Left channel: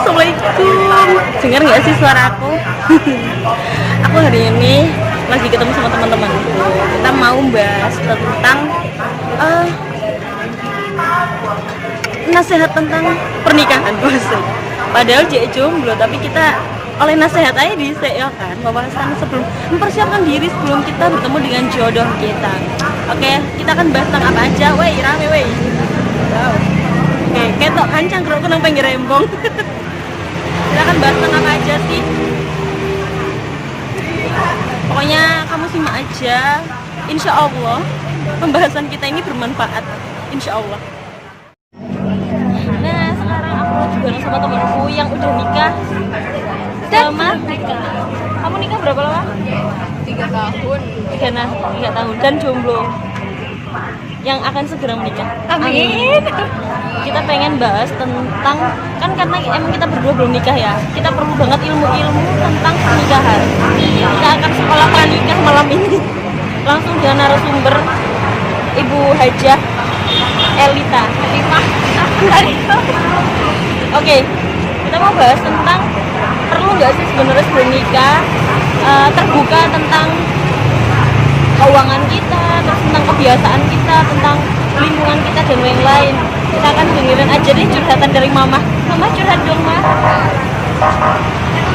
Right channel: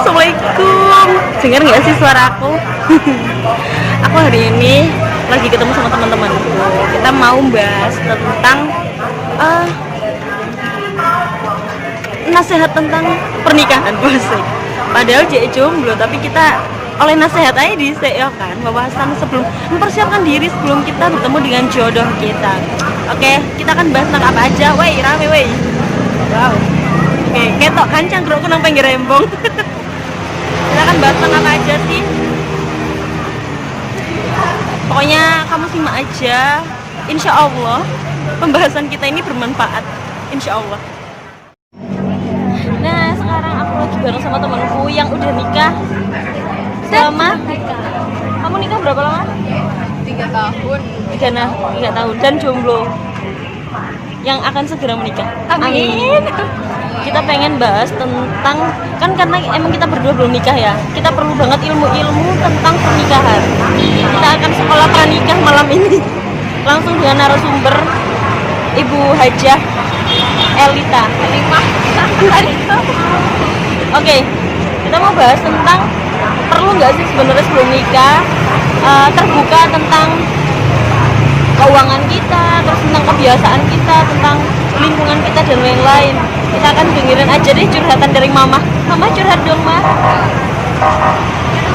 Assalamualaikum. Dengar nggak sih suara aku? Aku hari ini lagi ketemu sama teman-temanku. Kita mau bahas tentang nasihat tentang pernikahan, pasti. Padahal dia jomblo, tapi kita oleh nasihat aja ya kan, pembahasan sebelum mempersiapkan diri sebelum kita bertemu dengan jodoh kita. Oke, kita akan bahas tentang apa aja. Woi, rame woi. Wow. Oke, ketok kancang keruk nang pinggir rembong. Kita akan bahas tentang apa aja sih? Pokoknya kamu simak aja. Insya Allah pembahasan kita ini bermanfaat. Insya Allah. Nah, sekarang aku lagi bareng sama temanku yang udah nikah. Selama kamu nikah berapa lama? 3 tahun. 3 tahun dan jomblo yang akan segera menikah. Amin. Kita pengen bahas tentang, kan karena emang kita berdua belum nikah ya, kita perlu banget ilmu-ilmu tentang pernikahan. Kita akan sekolah pranikah malam ini langsung dengan narasumber Ibu Hajah Elita. Oke, kita mau bahas tentang perlu nggak sih sebenarnya sebelum nikah terbuka tentang keuangan kita, terus tentang kebiasaan kita, tentang lingkungan kita dan lain-lain. Kita akan dengerin aja deh curhatan dari mama. Mama curhat dong, Ma.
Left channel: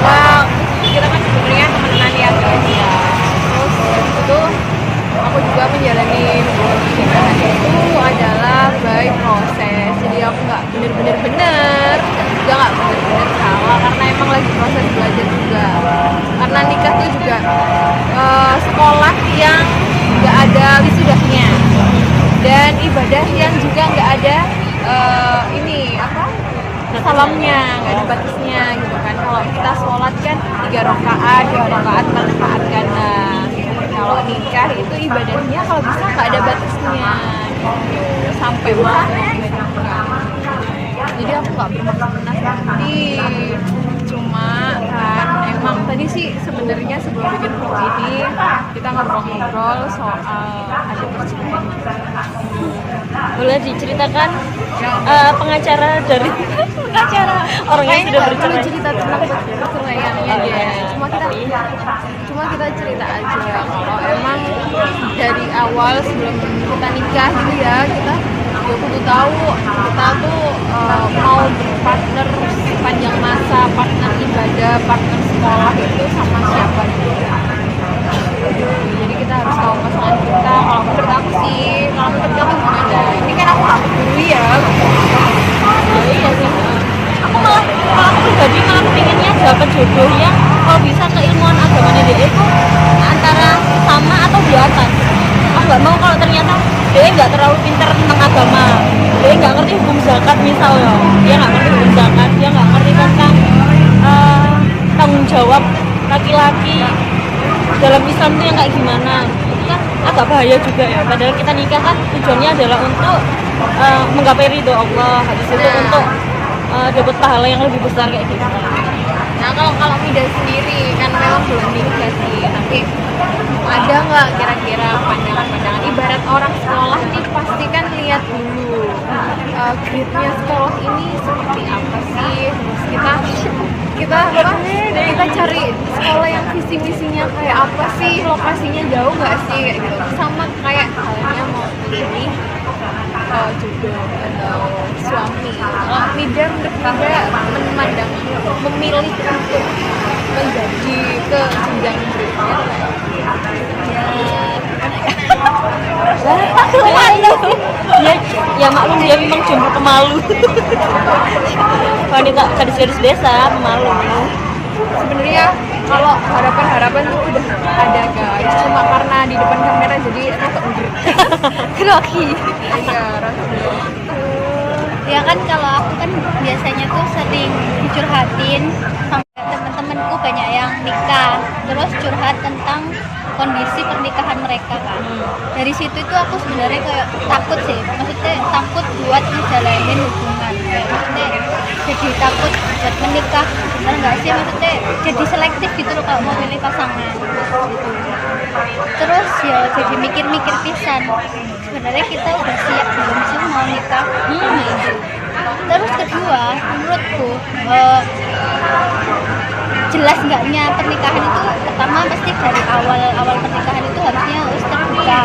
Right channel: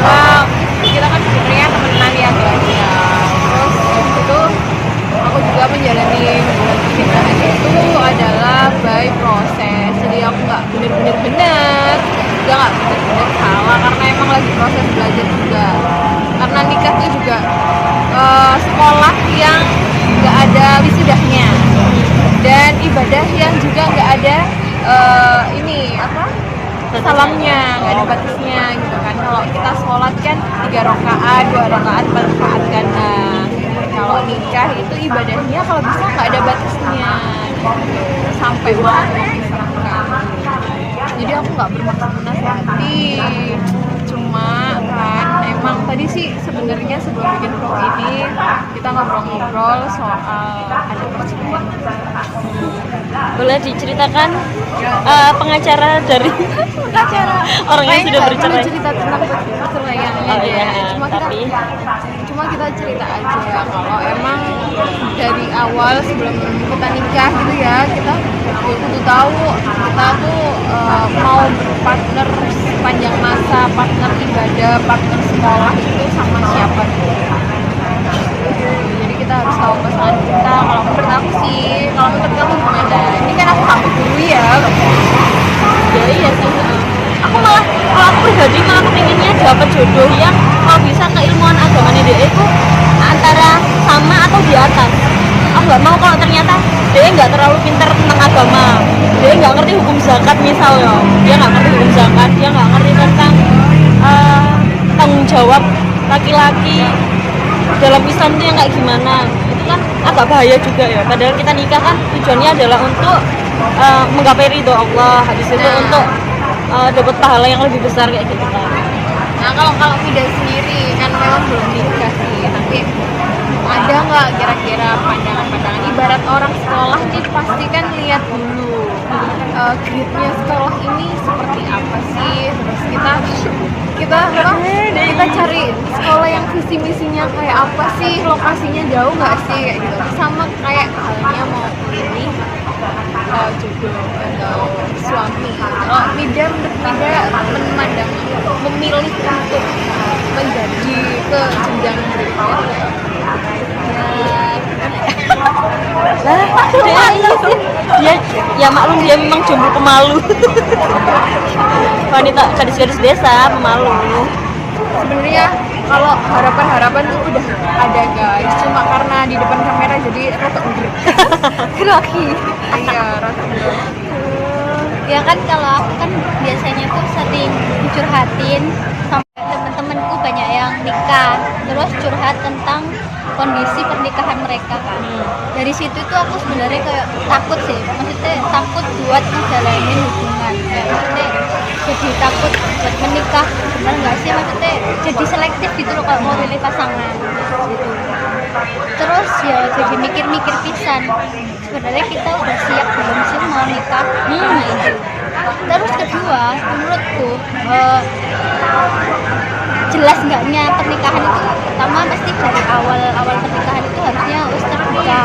Wah, kita kan sebenarnya temenan ya guys ya. Terus itu aku juga menjalani hubungan pernikahan itu adalah by proses. Jadi aku nggak bener-bener juga nggak bener-bener salah karena emang lagi proses belajar juga. Karena nikah itu juga sekolah yang nggak ada wisudahnya dan ibadah yang juga nggak ada salamnya, nggak ada batasnya gitu kan. Kalau kita sholat kan 3 rakaat, 2 rakaat, 4 rakaat kan. Nah, kalau nikah itu ibadahnya kalau bisa nggak ada batasnya gitu, sampai mau menikah. Jadi aku nggak bermaksud menasihati, cuma kan emang tadi sih sebenarnya sebelum bikin vlog ini kita ngobrol-ngobrol soal ada perselingkuhan. Boleh diceritakan pengacara dari orang yang sudah perlu bercerai. cerita tentang perceraiannya deh. Cuma kita cerita aja kalau emang dari awal sebelum kita nikah gitu ya, kita kudu tahu kita tuh mau berpartner sepanjang masa, partner ibadah, partner sekolah itu sama siapa gitu. Jadi kita harus tahu pasangan kita. Kalau menurut aku sih, kalau menurut kamu gimana? Ini kan aku kamu guru ya. Ya iya sih. Aku malah, kalau aku pribadi malah pengennya dapat jodoh yang kalau bisa keilmuan agamanya dia itu antara sama atau di atas. Aku nggak mau kalau ternyata dia nggak terlalu pintar tentang agama, dia nggak ngerti hukum zakat misalnya, dia nggak ngerti hukum zakat, dia nggak ngerti tentang tanggung jawab laki-laki dalam Islam itu yang kayak gimana. Itu kan agak bahaya juga ya. Padahal kita nikah kan tujuannya adalah untuk menggapai ridho Allah, habis itu untuk dapat pahala yang lebih besar kayak gitu kan. Nah kalau Mida sendiri kan memang belum nikah sih, nanti ada nggak kira-kira pandangan-pandangan ibarat orang sekolah nih, pasti kan lihat dulu grade-nya sekolah ini seperti apa sih, terus kita cari sekolah yang visi misinya kayak apa sih, lokasinya jauh nggak sih kayak gitu. Sama kayak halnya mau pilih jodoh atau suami. Mida memilih untuk menjadi ke jenjang berikutnya kayak ya maklum dia memang jomblo pemalu. Wanita gadis-gadis desa pemalu. sebenarnya kalau harapan tuh udah ada guys, cuma karena di depan kamera jadi rasa udah grogi. Iya, rasa grogi. Ya kan kalau aku kan biasanya tuh sering curhatin sama temen-temenku, banyak yang nikah terus curhat tentang kondisi pernikahan mereka kan. Dari situ itu aku sebenarnya takut sih, maksudnya takut buat ngejalanin hubungan, kayak maksudnya jadi takut buat menikah. Benar nggak sih, maksudnya jadi selektif gitu loh kalau mau milih pasangan gitu. Terus ya jadi mikir-mikir pisan, sebenarnya kita udah siap belum sih mau nikah. Nah itu Terus kedua, menurutku jelas enggaknya pernikahan itu pertama pasti dari awal pernikahan itu harusnya harus terbuka,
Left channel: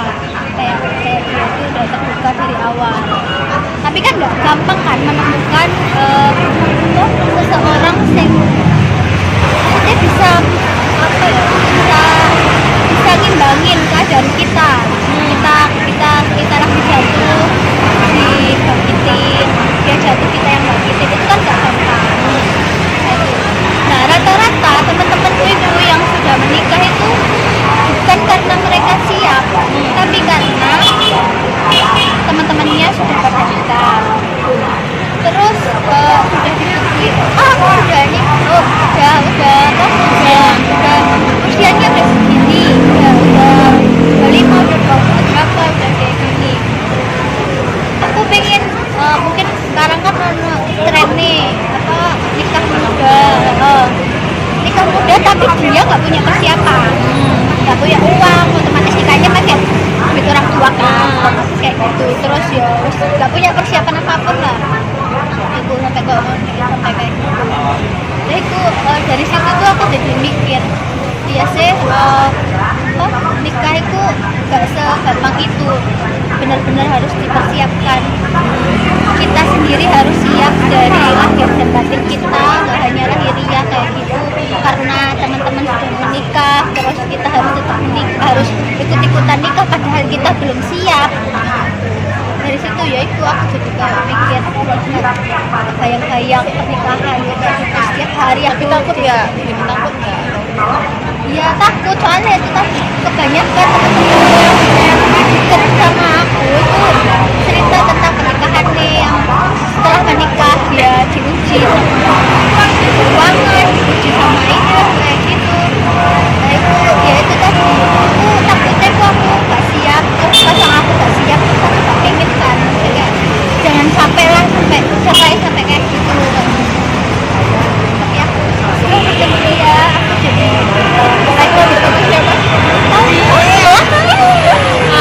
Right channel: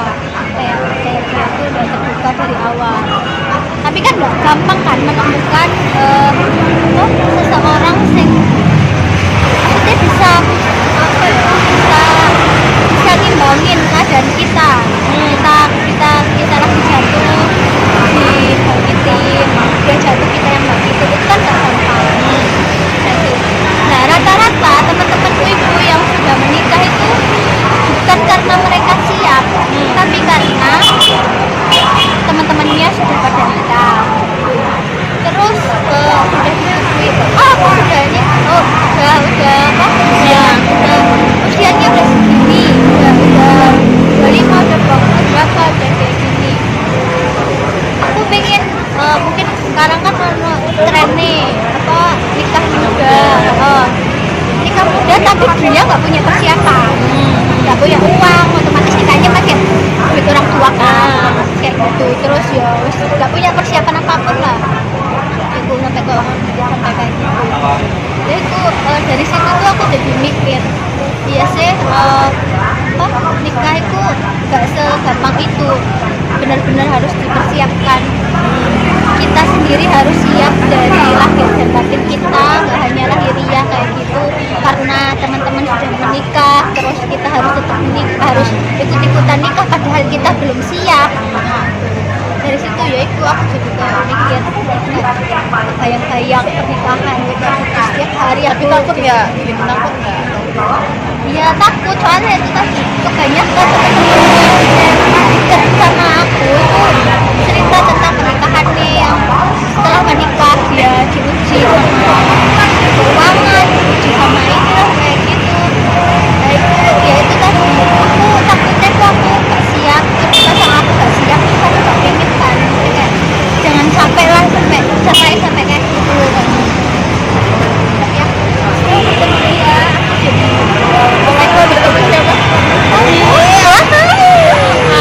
kayak dia itu udah terbuka dari awal. Tapi kan nggak gampang kan menemukan seseorang yang maksudnya bisa apa ya, bisa ngimbangin keadaan kita. Kita lagi jatuh dibangkitin, dia jatuh kita yang bangkitin, itu kan nggak gampang. Nah, rata-rata teman-temanku itu yang sudah menikah itu bukan karena mereka siap, tapi karena teman-temannya sudah pada nikah. Terus sudah dikasih, aku sudah ini, udah usianya udah segini, udah 5, udah 20 berapa, udah kayak gini. Aku pengen mungkin sekarang kan tren nih nikah muda tapi dia nggak punya persiapan, nggak punya uang, otomatis nikahnya pakai duit orang tua kan, kayak gitu. Terus ya nggak punya persiapan apapun lah, itu sampai kayak gitu. Ya itu dari situ tuh aku jadi mikir biasanya nikah itu nggak segampang itu, benar-benar harus dipersiapkan. Kita sendiri harus siap dari lahir dan batin kita, nggak hanya lahiriah kayak gitu karena teman-teman sudah menikah terus kita harus tetap menikah, harus ikut-ikutan nikah padahal kita belum siap. Dari situ ya itu aku jadi kayak mikir, bayang-bayang pernikahan gitu setiap hari. Tapi takut nggak? Bikin takut nggak? Iya takut, soalnya kita kebanyakan teman-teman dekat sama aku itu cerita tentang pernikahannya yang setelah menikah dia diuji sama keuangan, diuji sama itu kayak gitu. Nah itu ya itu tadi aku takutnya tuh aku gak siap, terus pasang aku gak siap terus aku gak pengen kan, maksudnya jangan sampai lah sampai kayak gitu kan. Tapi ya aku jadi mulai Bertemu siapa?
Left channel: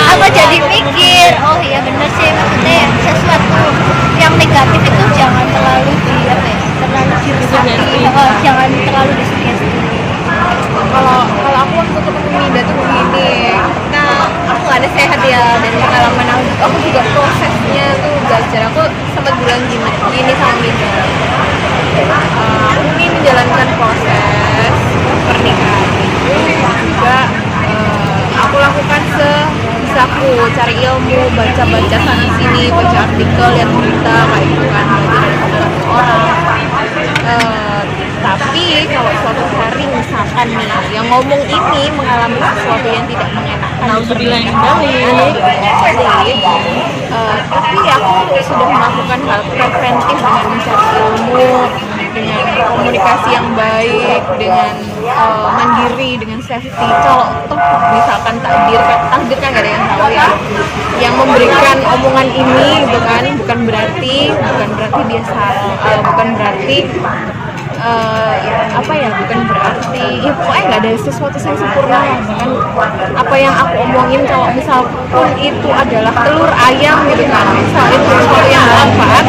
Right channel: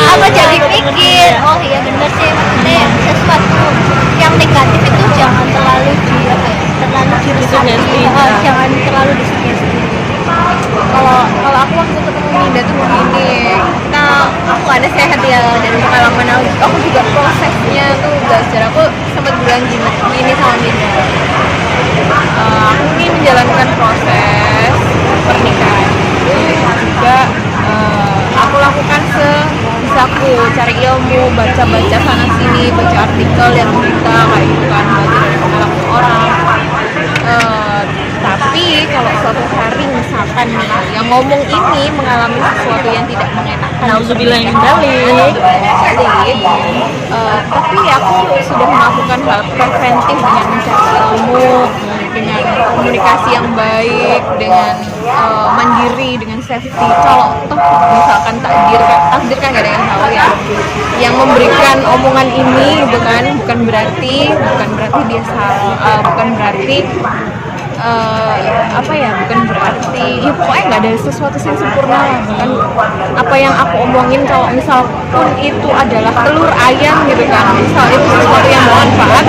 aku jadi pikir, oh iya bener sih, maksudnya sesuatu yang negatif itu jangan terlalu jangan terlalu disugesti. Kalau aku waktu ketemu Mida tuh begini, aku ada sehat ya, dan pengalaman aku juga prosesnya tuh belajar. Aku sempat bilang gini sama Mida, aku ini menjalankan proses pernikahan itu juga aku lakukan sebisaku, cari ilmu, baca-baca sana sini, baca artikel, lihat berita kayak gitu kan, belajar dari pengalaman orang. Tapi kalau suatu hari misalkan nih yang ngomong ini mengalami sesuatu yang tidak mengenakan di pernikahan, tapi aku sudah melakukan hal preventif dengan mencari ilmu, dengan komunikasi yang baik, dengan mandiri, dengan safety. Kalau toh misalkan takdir kan gak ada yang tahu ya, yang memberikan omongan ini gitu kan, bukan berarti dia salah, bukan berarti bukan berarti ya pokoknya nggak ada sesuatu yang sempurna lah. Bahkan apa yang aku omongin kalau misal pun itu adalah telur ayam gitu kan, misal itu sesuatu yang bermanfaat,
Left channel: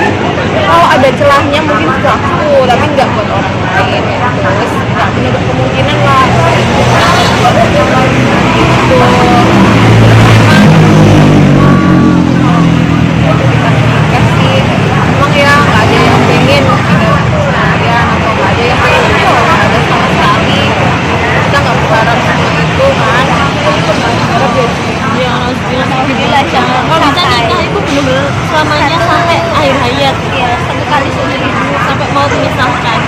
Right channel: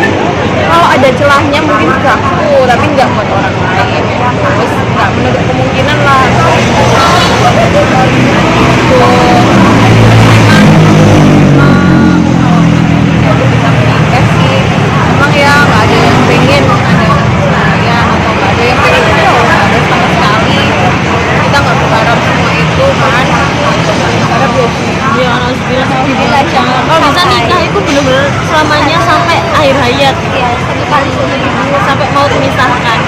kalau ada celahnya mungkin buat aku tapi nggak buat orang lain ya. Terus nggak menutup kemungkinan lah gitu. Memang kalau kita menikah sih emang ya nggak ada yang pengen ada perceraian atau nggak ada yang pengen itu, nggak ada sama sekali. Kita nggak berharap semua itu kan, kita berharap ya Dia harus bilang jangan kalau bisa nikah itu benar-benar selamanya sampai akhir hayat, ya sekali sampai mau dipisahkan.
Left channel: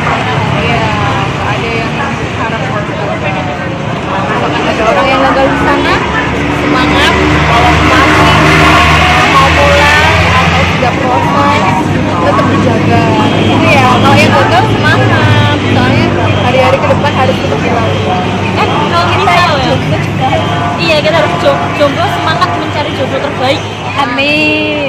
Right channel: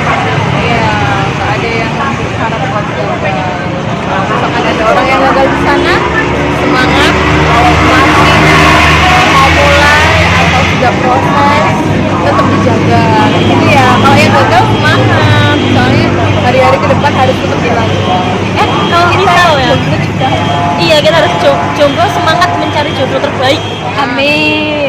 iya, nggak ada yang berharap buat gagal. Kalau misalkan ada orang yang gagal di sana, semangat. Kalau masih mau mulai atau sudah proses, tetap dijaga gitu ya. Kalau yang gagal semangat, soalnya hari-hari ke depan harus tetap dilalui. Kalau misal ya, iya kita harus jomblo, semangat mencari jomblo terbaik. amin.